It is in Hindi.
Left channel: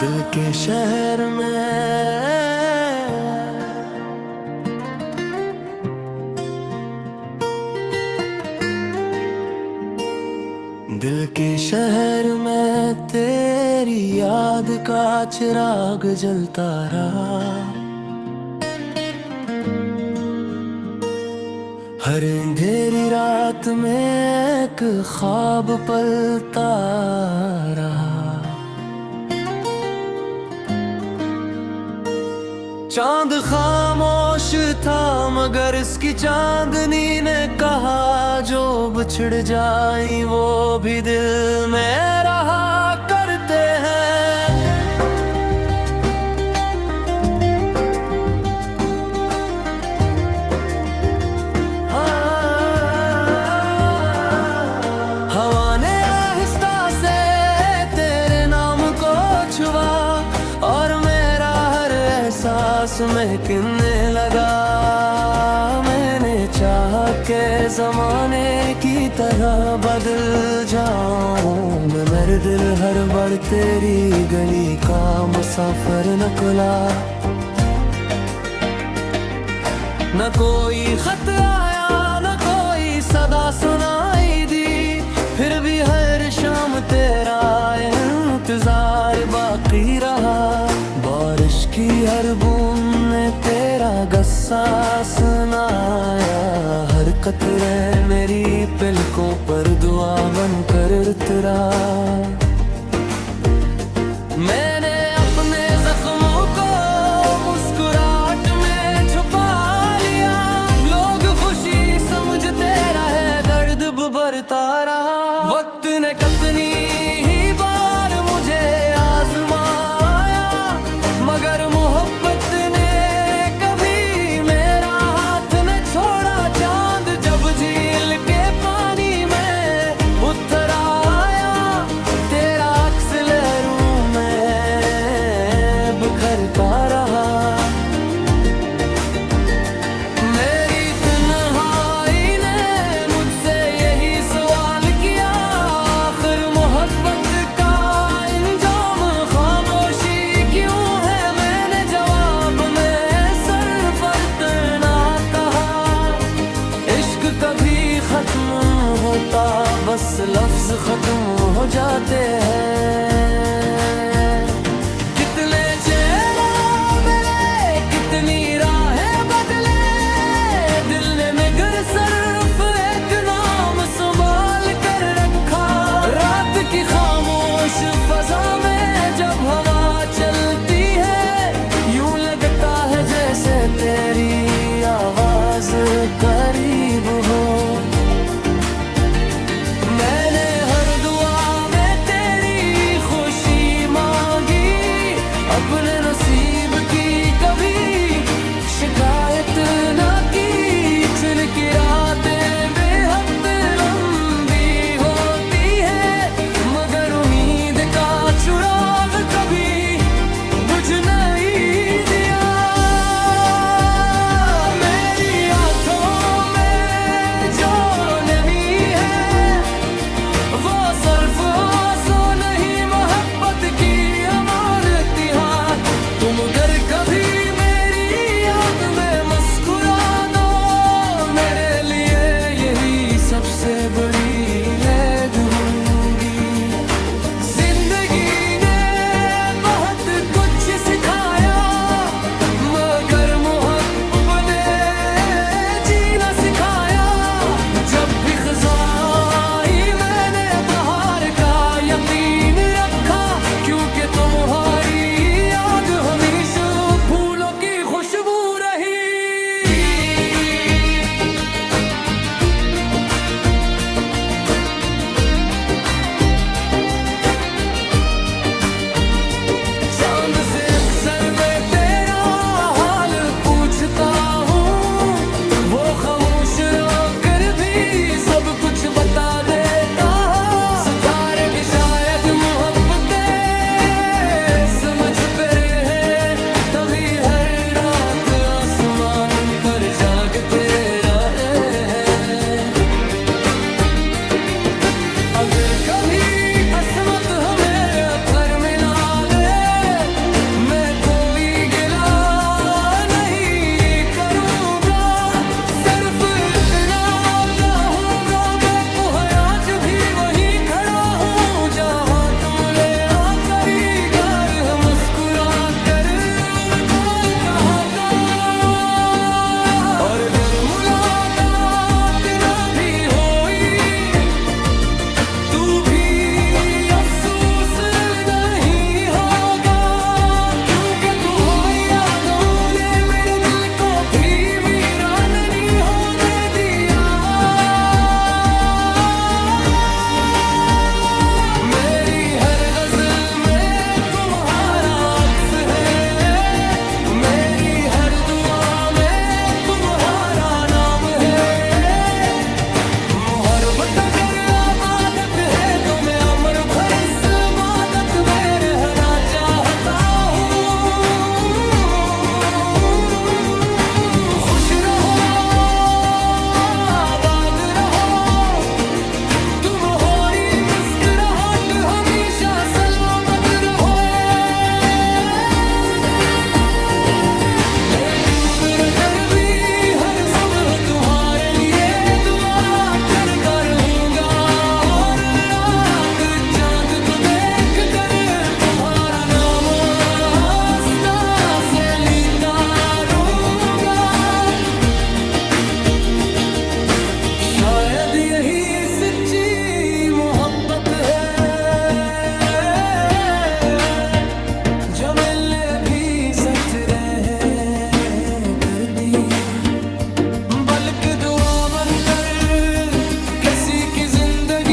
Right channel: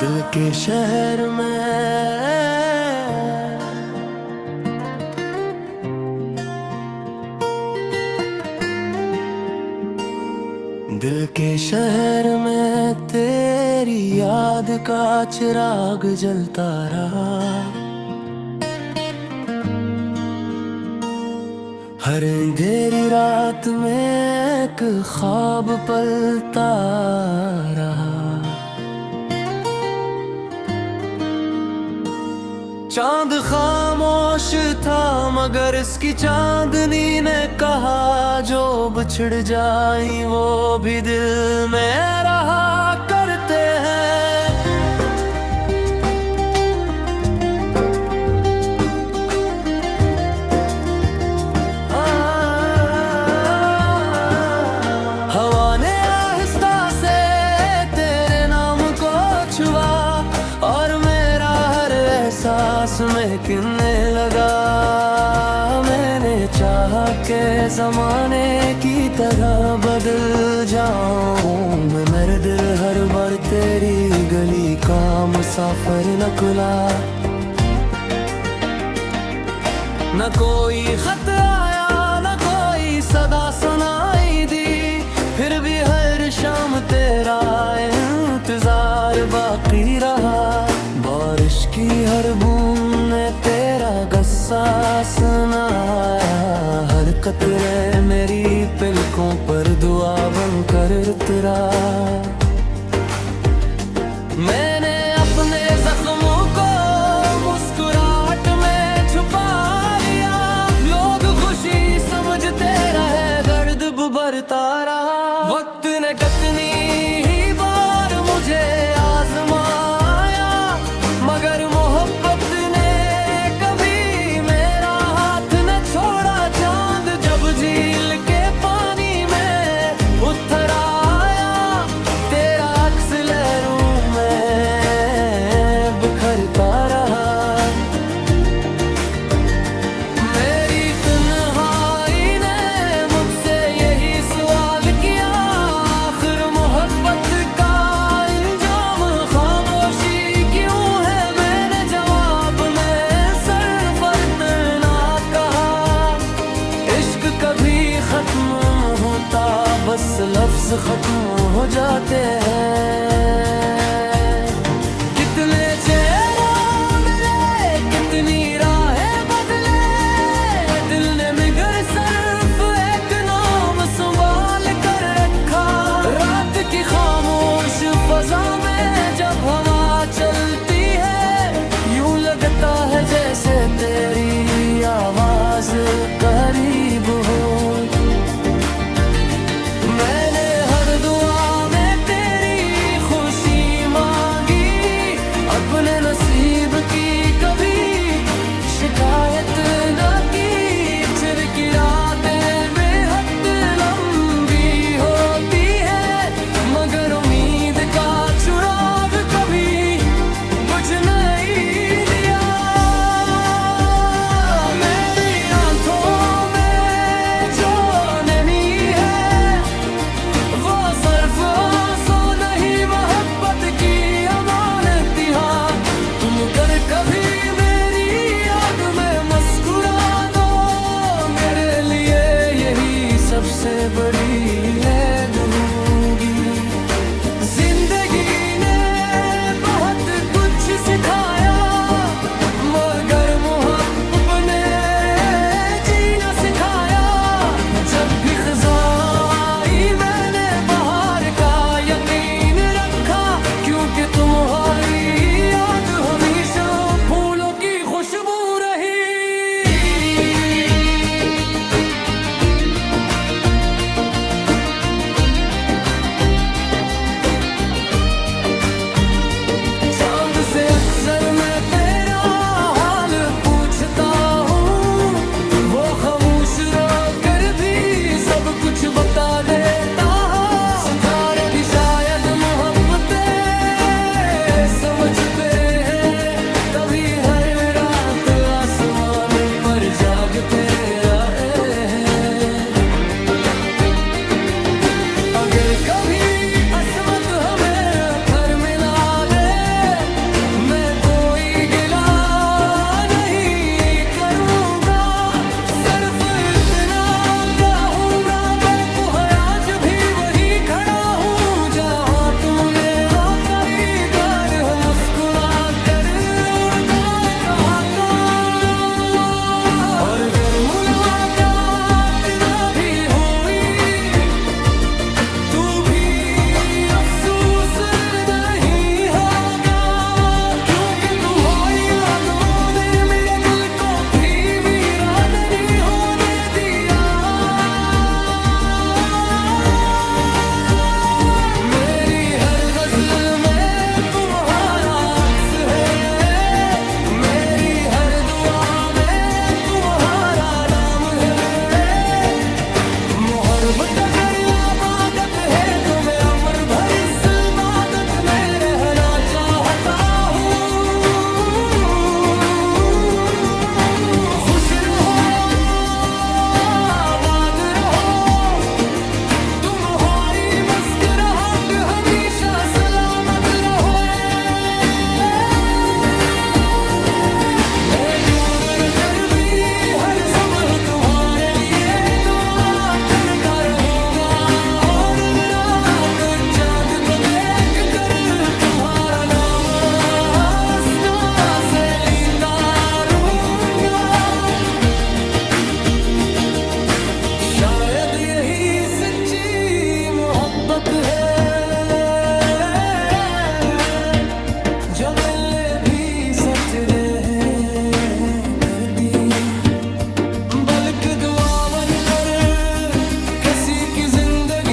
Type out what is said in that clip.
दिल के शहर में, दिल के शहर में तेरी याद का चिराग जलता रहा। हर अंधेरी रात में एक ख्वाब पलता रहा। चांद खामोश था मगर इसकी चांदनी ने कहा जो बिछड़ जाए वो भी दिल में रहा करते हैं। हवा ने आहिस्ता से तेरे नाम को छुआ और एहसास महकने लगा। मैंने चाहा के जमाने की तरह बदल जाऊं मैं, मेरे दिल हर बार तेरी गली का मुसाफिर निकला। न कोई खत आया न कोई सदा सुनाई दी, फिर भी हर शाम तेरा इंतजार बाकी रहा। बारिश की हर बूंद ने तेरा गस्सा सुनाया, हर कतरे मेरी पलकों पर दुआ बनकर उतरा। मैंने अपने जख्मों को मुस्कुराहट में छुपा लिया, लोग खुशी समझते रहे दर्द भरता रहा। वक्त ने कितनी ही बार मुझे आजमाया मगर मोहब्बत ने कभी मेरा हाथ न छोड़ा। चांद जब झील के पानी में उतर आया, तेरा अक्स लहरों में बिखरता रहा। कभी खत्म होता बस लफ्ज खत्म हो जाते हैं। कितने चेहरे मिले कितनी राहें बदले, दिल ने मगर सिर्फ एक नाम संभाल कर रखा। रात की खामोश फजा में जब हवा चलती है, यूं लगता है जैसे तेरी आवाज करीब हो। मैंने हर दुआ में तेरी खुशी मांगी, अपने नसीब की कभी शिकायत न की। फिर की रातें बेहद लंबी होती है मगर उम्मीद का चिराग कभी बुझ नहीं दिया। मेरी आंखों में जो नमी है वो सिर्फ आंसू नहीं मोहब्बत की अमानत है। तुम अगर कभी मेरी याद में मुस्कुरा दो, मेरे लिए यही सबसे बड़ी हैद होगी। सिखाया मगर मोहब्बत ने जीना सिखाया। जब भी खिज़ाई मैंने बहार का यकीन रखा, क्योंकि तुम्हारी याद हमेशा फूलों की खुशबू रही। वो खामोश रोकर भी सब कुछ बता देता। सितारे भी शायद मोहब्बत समझ पे रहे, तभी हर रात आसमान पर जागते रहे हैं। अगर कभी किस्मत हमें घर मिला दे सच्ची मोहब्बत है, जो मिलने भी सच रहे करती, बल्कि दुआ बनकर किसी की जिंदगी